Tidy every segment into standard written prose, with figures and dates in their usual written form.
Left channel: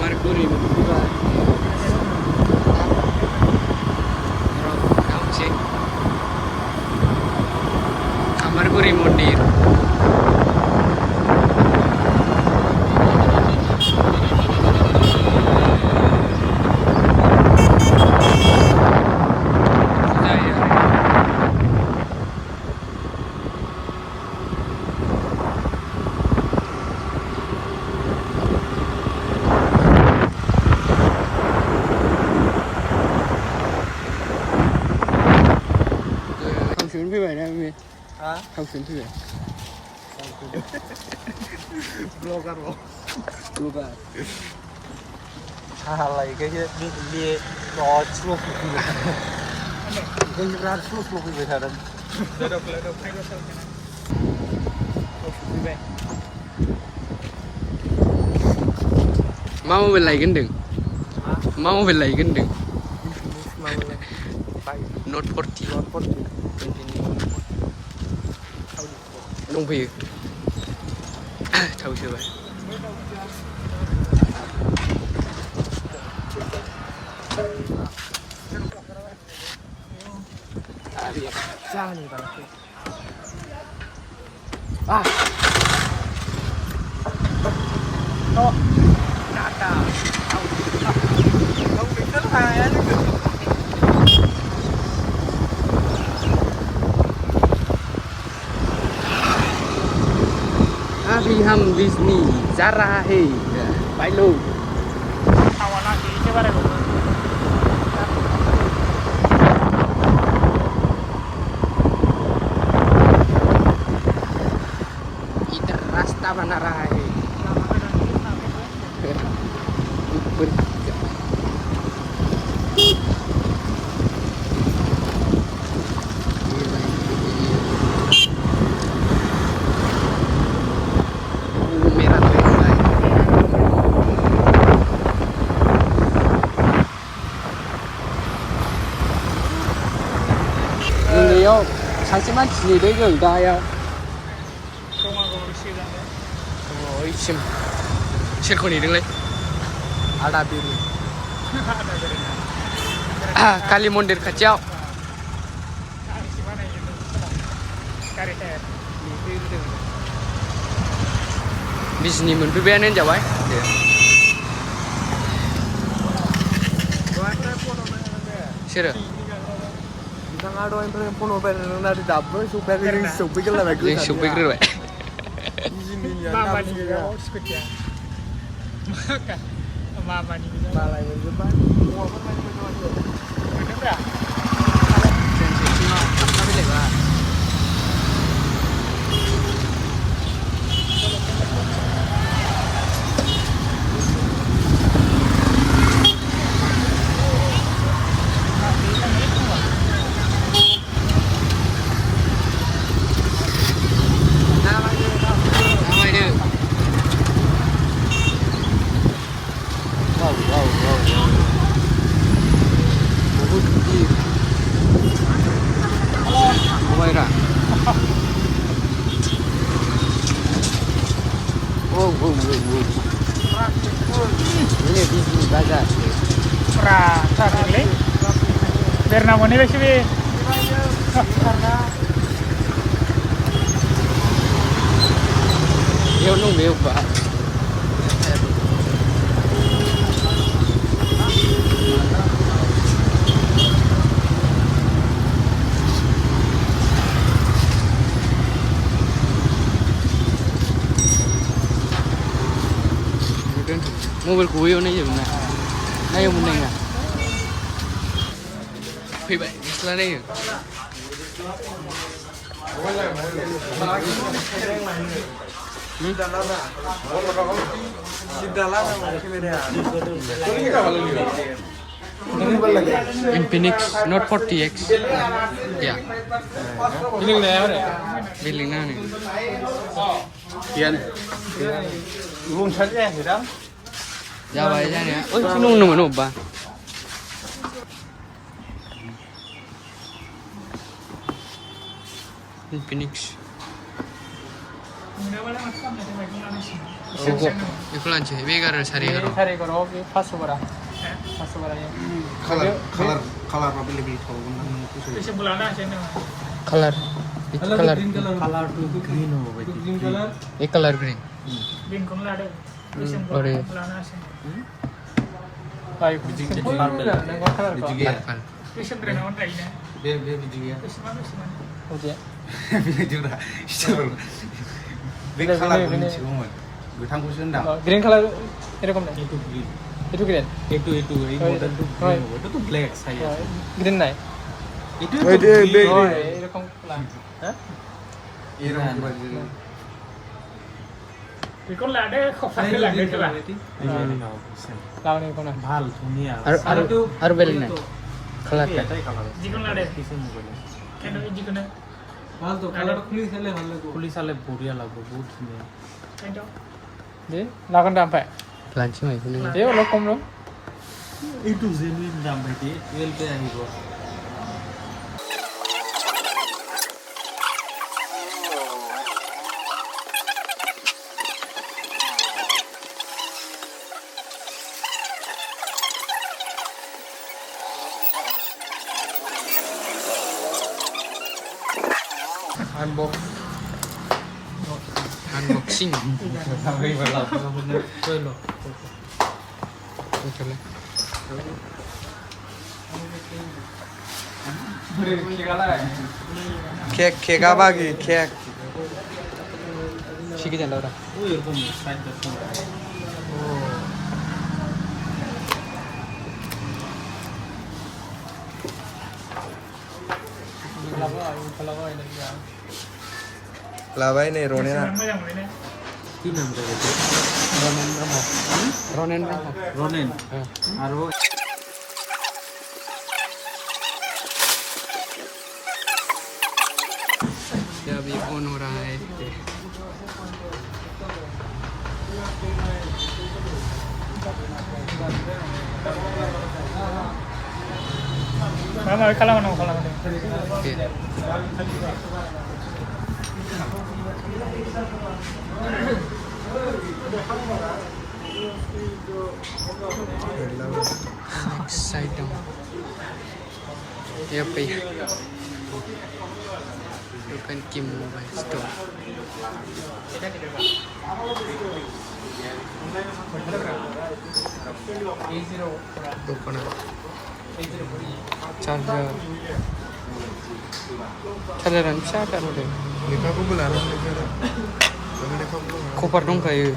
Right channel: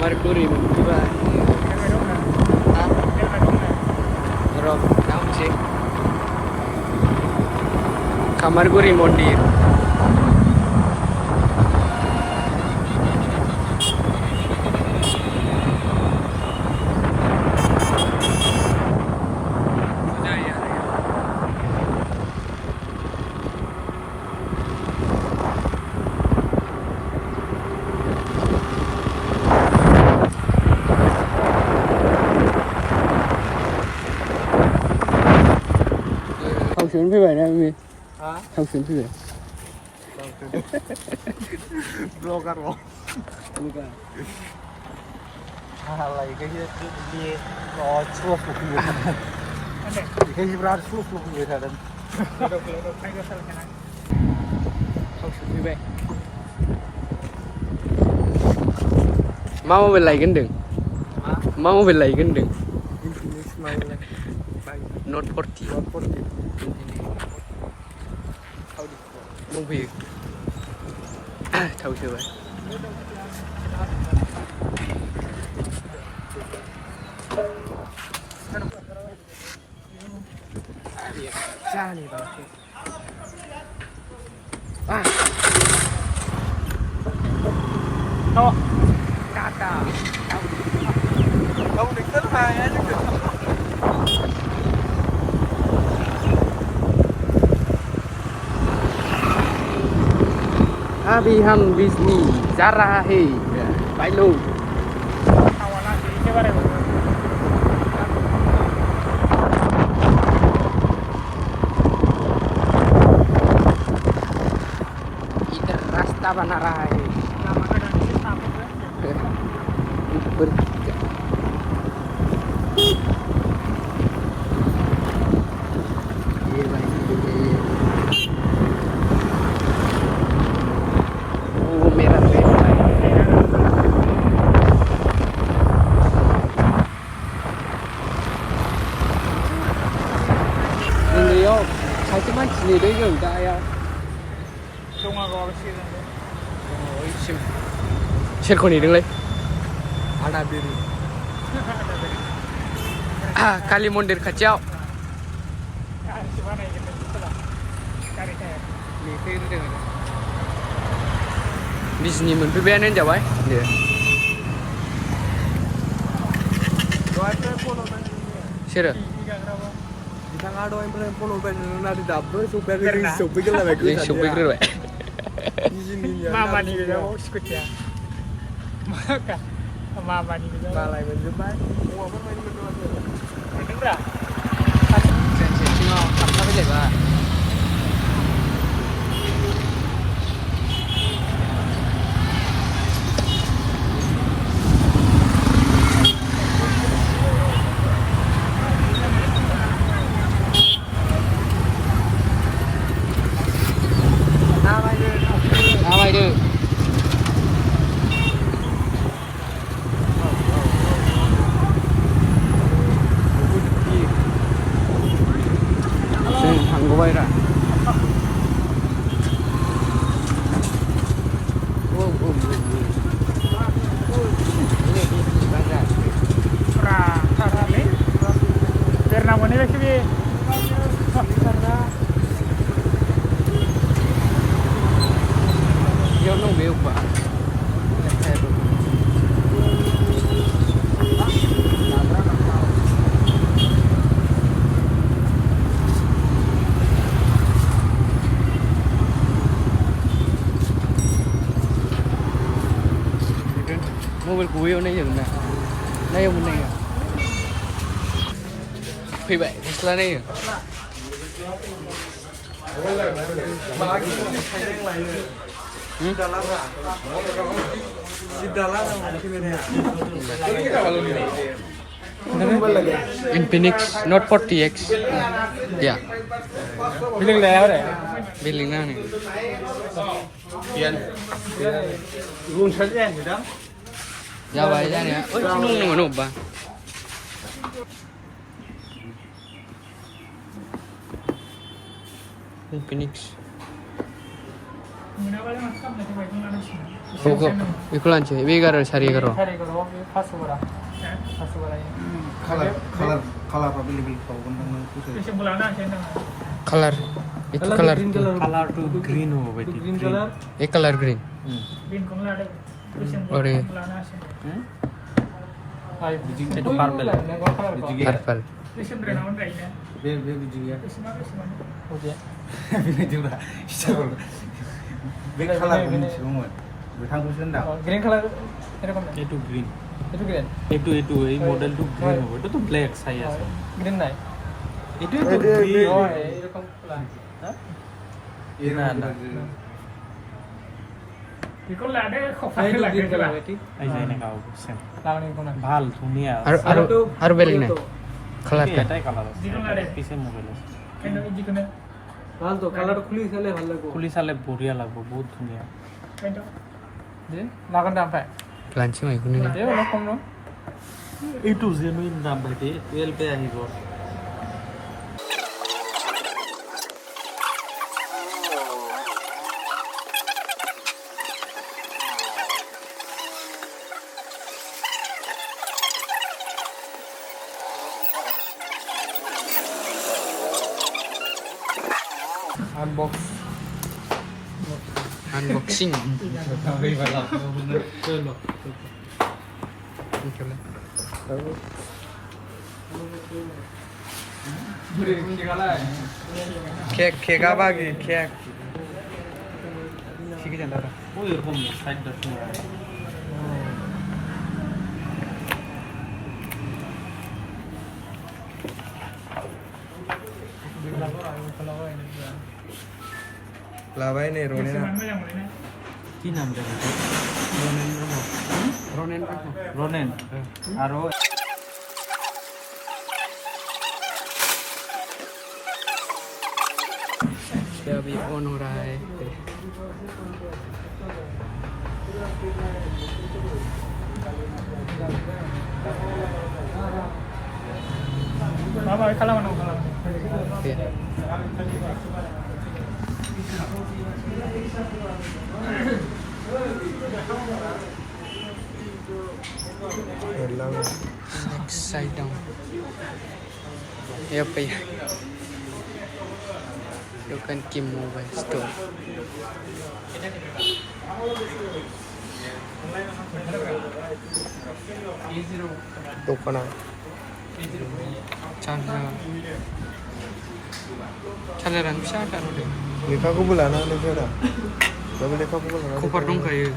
kamar guri berdua. Bro, kamu sih? Kamar guri mondir. Xuống phía bảy đây em hả? Không xuống phía bảy. Vlogger bro. Vlogger. Halai cái dia bawa celuk gitu. Cái berat celuk gitu kan. Duduk ayo sana. Không xuống phía bảy. Mau về lại cái đường. Mau về lại cái đường. Mau về lại. Not 40. Not 40. Lung Phi thâu chưa vậy? Cha này vào à Tata ông định rất hay á chứ. अभी हम Disney जा रहा है भाई लोग। इधर रास्ता बना रहा है। 사실만 지내려고 이다야. sim 실컷 이đứng lên. Ada biru. Kali mondir kacau. Disney मोनफैबायानो जाबाय दे. सोरो? बिथाङा दहायनिफ्राय फन हरबाय नोंना दाबो सफैयाखै जों सफैग्रोबाय जों सफैग्रोबाय मामानि स्कुटिया मामानि मोनजोबबाय हौवाफोर मानि मोनदों माथो ट्रेन थाबथा फैलायबा Gobaira. Oh. Ini Disney Bazar. Karena mana sih? Karena dia nunggu Pak. Mobil của yêu này dừng này, đây ông này nè, phi vậy, Tesla này. Infinix Note 40X, ya. Billing nào này? Billing nào này? Tiền. Luôn sẵn em rồi đó. Ya vậy ra nè. Ôi, nung nung ba. Infinix. Iku lanjut, ini karo sari karo. Sari karo, pas suara. Pas suara ya. Color lebih tahu kan Bisa bulan aja nih. Color green color itu green color. Ini color green. Green color ada. Bisa bulan aja. Baik, biji itu purple. Purple. Bisa bernaung kayaknya. dia biji ya Bisa mana? Aja. biji juga big color green semua betang kusun dah Green color এরকম না itu green itu green itu এই model tuh green itu tuh black saya green নাই itu tuh green এরকম plan হ্যাঁ Iran Ikut lada kok pakai lagi ke lagi ini mau lawan itu nah ভাল ধুনীয়া আর বেলি না color এটাই colour জীবন লাড়ে পিছে মোবাইল কেন জীবন ভাল তো কালারটা খুলি চালে ভাল লাগবে খুলি চালে বঢ়িয়া লাগব বহুত ধুনীয়া কিন্তু যে লাগান দাম পায় Lanjut, ini. এই অলপ কম লম এইটো জেনুইন দাম ভাইটি 12 পে আহিব Unboxing. চলো Betul. কেক আবাগি কেক Sikit yang dah. ও এরকম সাইড দেখো লাভাই নেই রোনে না কি নাম ধরে Ronen. রনেন আর ও Ya अभी ऑन हो रहा है. Mama kalah mana kalah mana Iya. Next side down. Yep, yeah. You can keep mobile store. Open up. Charger. Chargeran bisa ada udah. লেখা কো বুলানা লেখা না তুমি লেখা কো বুলানা Koper dong kayak.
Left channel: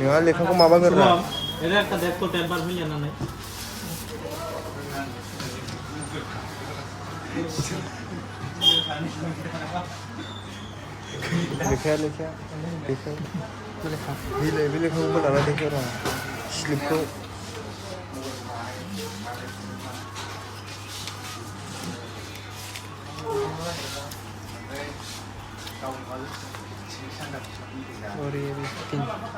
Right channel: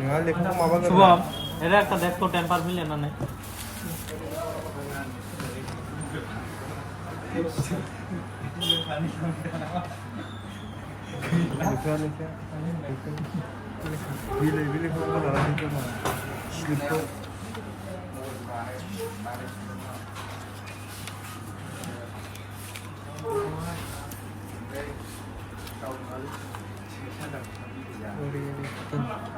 ইয়া লেখা কো মাবা করে শুভম এলা একটা দেখ তো টেম্পার মিলে না নাই লেখা লেখা লেখা বিলে বিলে কো বুলানা লেখা না স্লিপ और ये भी 3.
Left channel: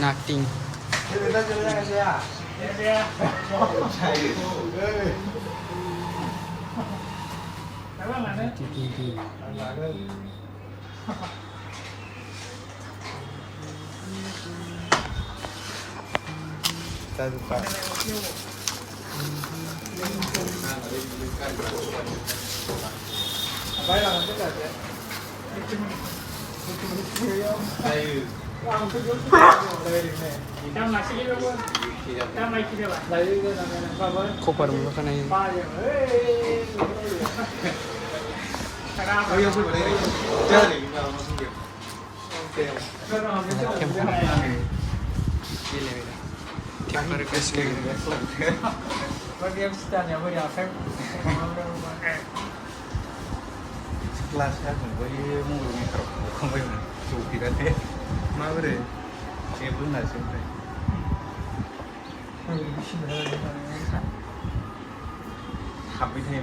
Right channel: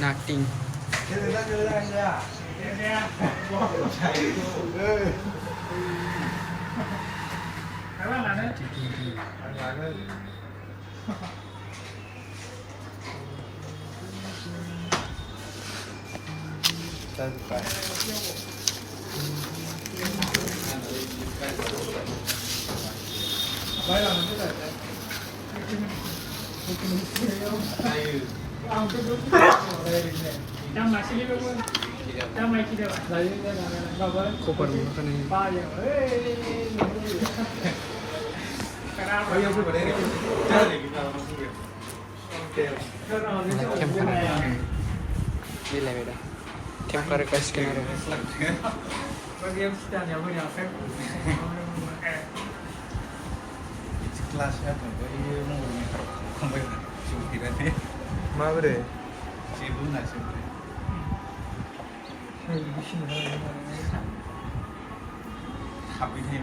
Nothing. Koper mo ka na yun. Camera. Camera ka skin na rin. Bagian setannya bagian efek. Kelasnya juga iya mau mikro, kamu suki deh. Mana deh? Siapa nggak sih? Habisnya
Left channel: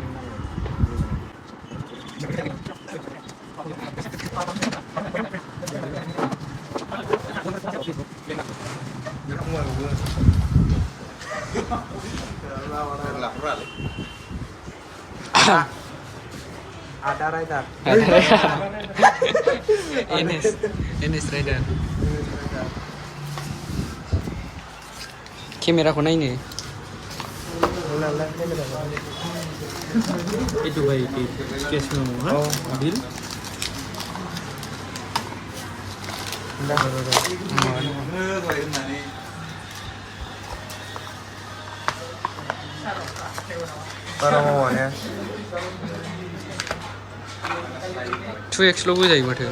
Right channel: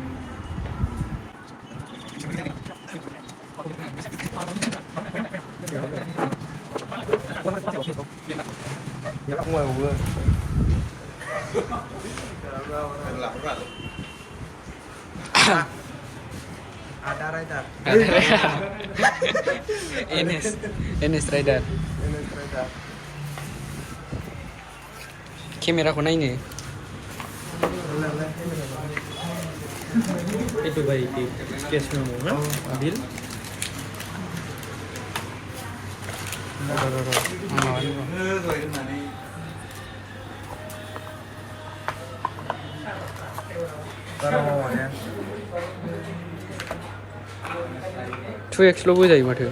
nggak keluar gua. Nggak pernah. Ada rider. Enes Rider. Kamera ko na ini. Itu baik itu case kamu, ha? Ambil. Para mau ya. 2x लो बुझाइ माथो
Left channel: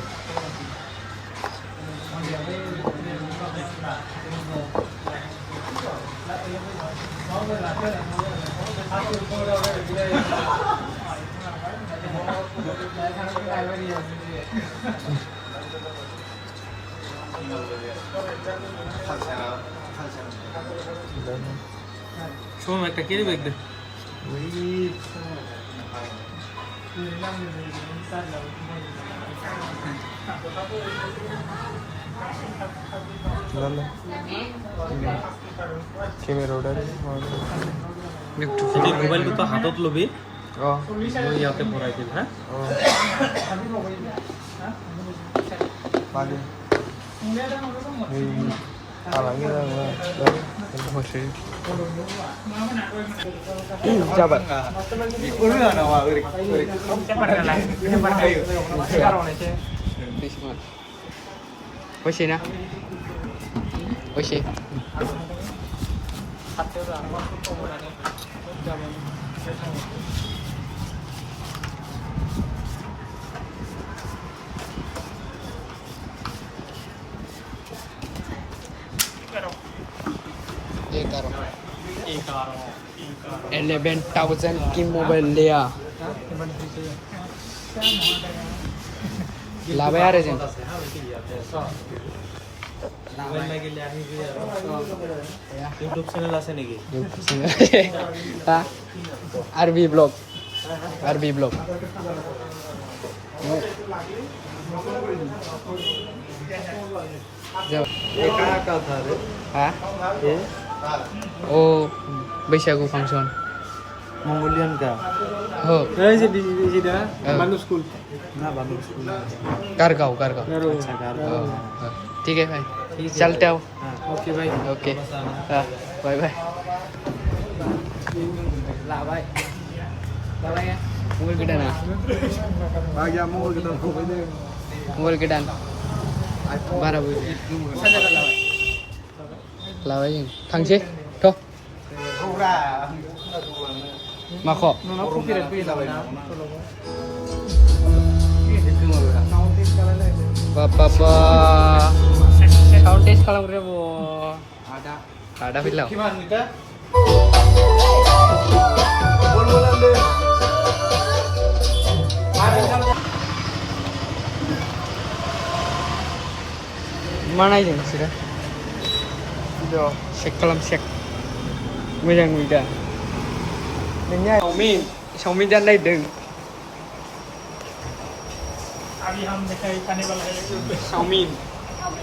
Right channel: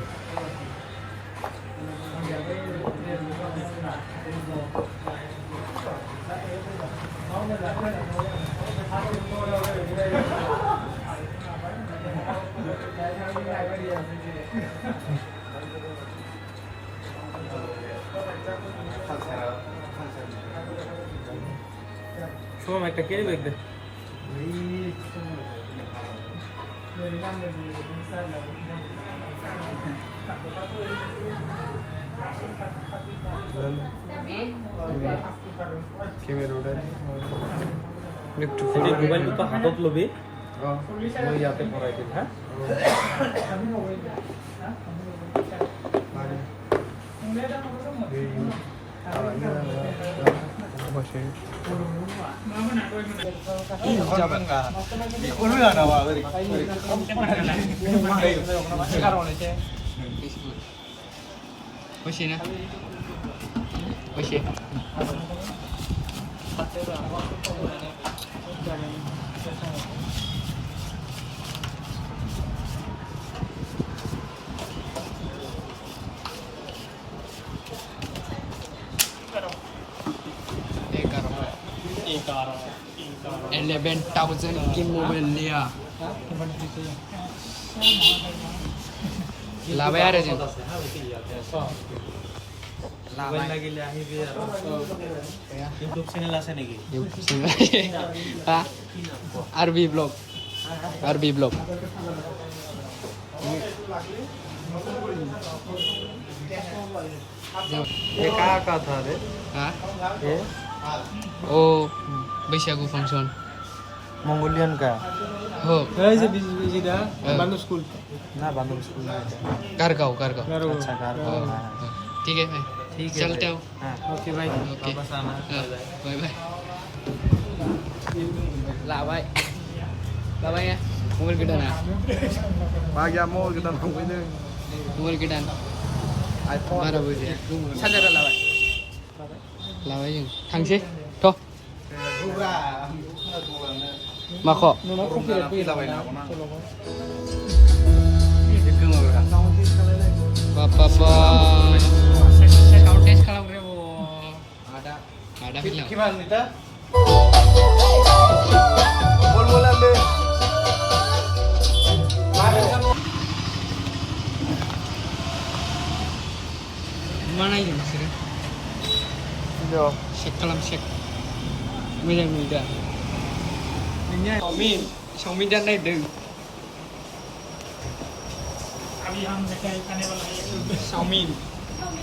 Cuma mereka kiri baik deh. Kamera udah lift Jadi mobile itu hatot lebih. oh Mau ya ke pura itu, ha? lagi halangnya masih jabat Oke na Oke एक 11,000 की mobile लिया लाभ यार agent Mobile lagi lihat ini ya. YouTube channel asa nih. हाँ आरबी blog ये कहाँ था रे? हाँ ये ओ बैसागु फांक्शन Mongolian का. हो Nah, ini di dia. Bandung School. ना बांग्ला स्कूल. कारगांव Baru. ठीक है भाई चलते आओ Oke, baik. ओके बाय बाय ला बाय बाय ya mobil gedan ya bagi mau kita ini mobil gedan iPhone बारा बोल साजा लाबाय जों थांसै थ' माखौ Nono copyright fee lah. बाबा साउन्ड टेस्ट खालामग्राया ब ada फिल्डआव मा नायदों नोंसोरो चेक खालाम चेक मोजां नुयो दा नोंनिया चावमिन जानो नागिरदों चावमिन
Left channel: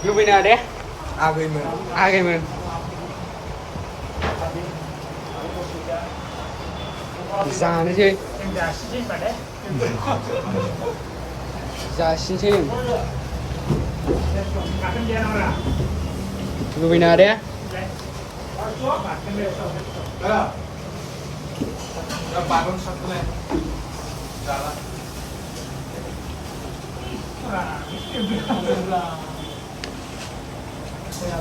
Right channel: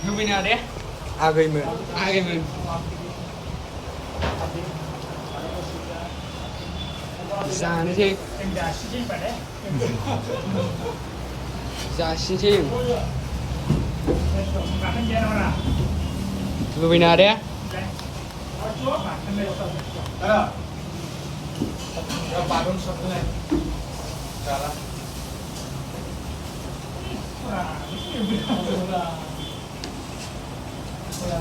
लुबैनाङा दे आगैमोन जानोसै जासिनोसै लुबैनाङा दे bangun satu nih jalan Ya,